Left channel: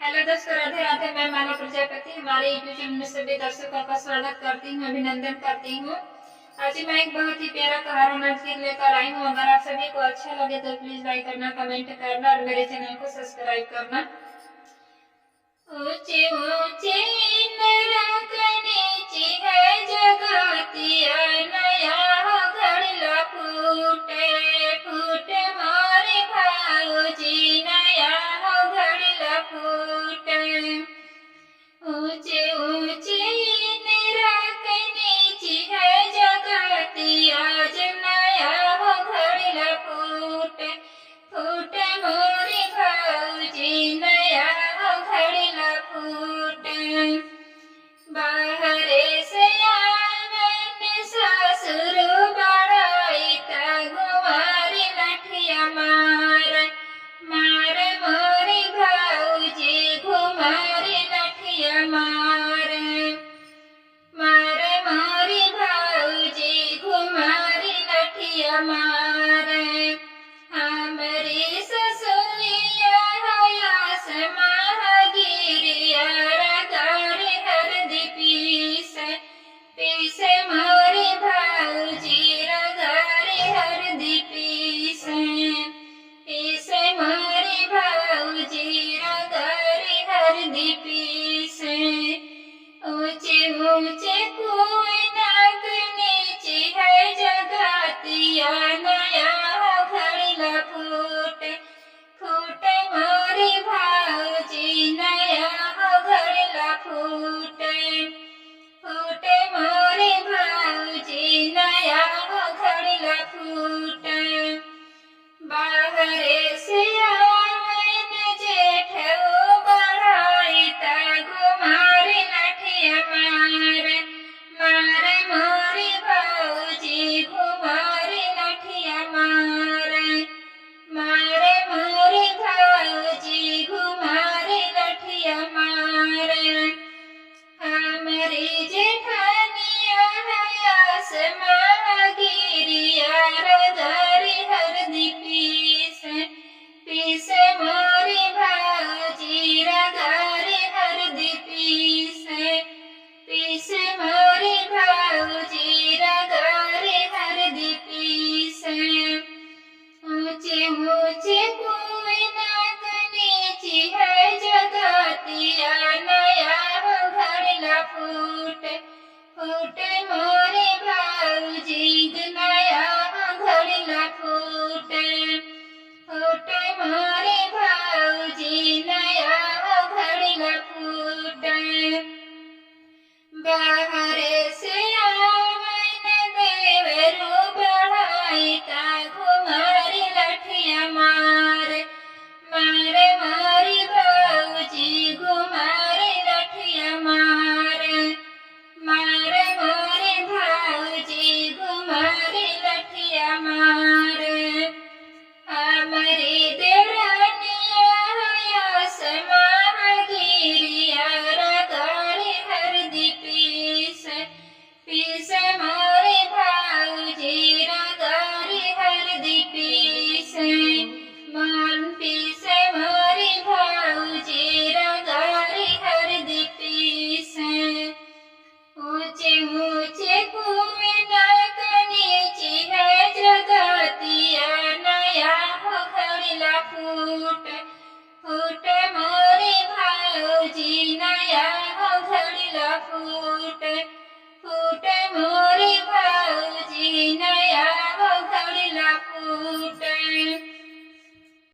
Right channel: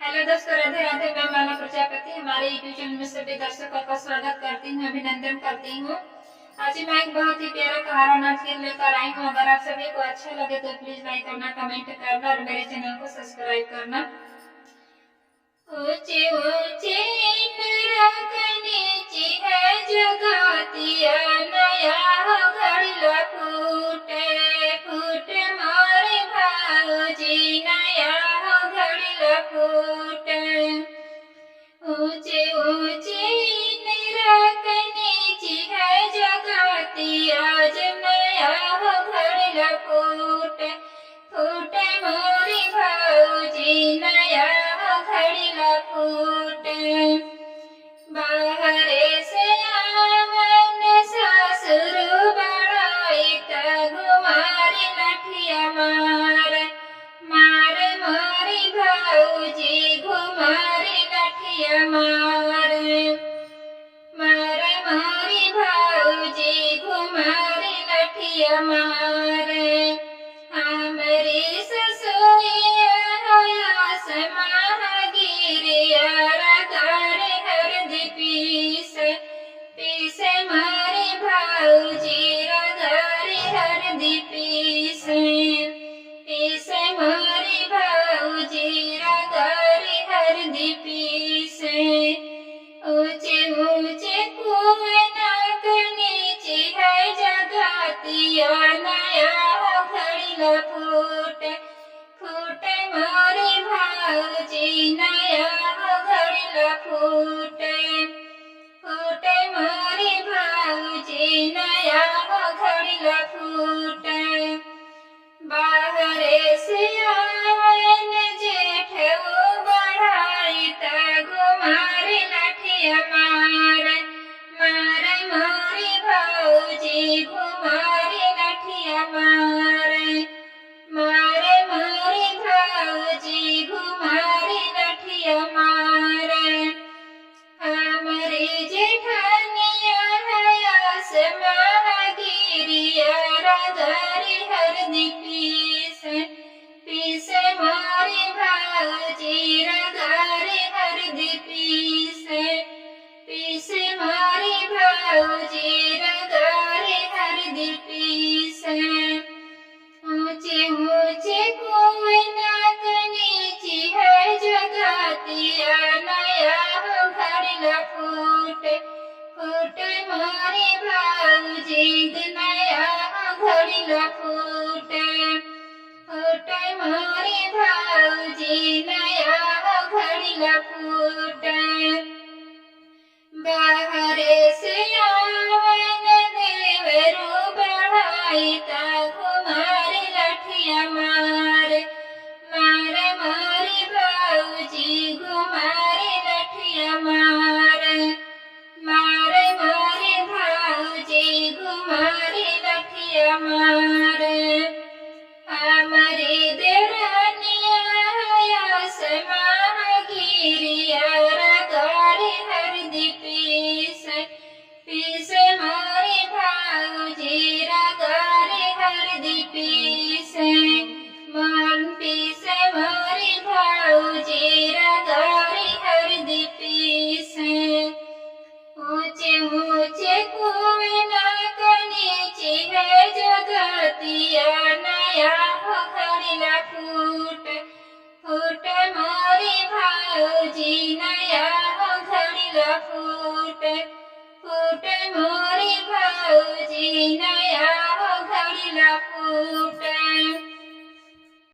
हेलो दोस्तों, राधे राधे। मैं माला प्रजापति हमारे यूट्यूब चैनल में सभी दर्शकों का स्वागत करती हूँ, अभिनंदन करती हूँ। आज मैं एक बहुत ही प्यारा कहारा नाच गीत लेकर आई हूँ। अगर आप सभी को अच्छा लगे तो प्लीज लाइक करना, कमेंट करना और मेरे चैनल को सब्सक्राइब करना। ऊंचे ऊंचे नीची है जगतिया, नया घड़िया फूटे फूटे मोरे भाऊजी, नया घड़िया फूटे। ऊंचे ऊंचे नीची है जगतिया, नया घड़िया फूटे फूटे मोरे भाऊजी, नया घड़िया फूटे।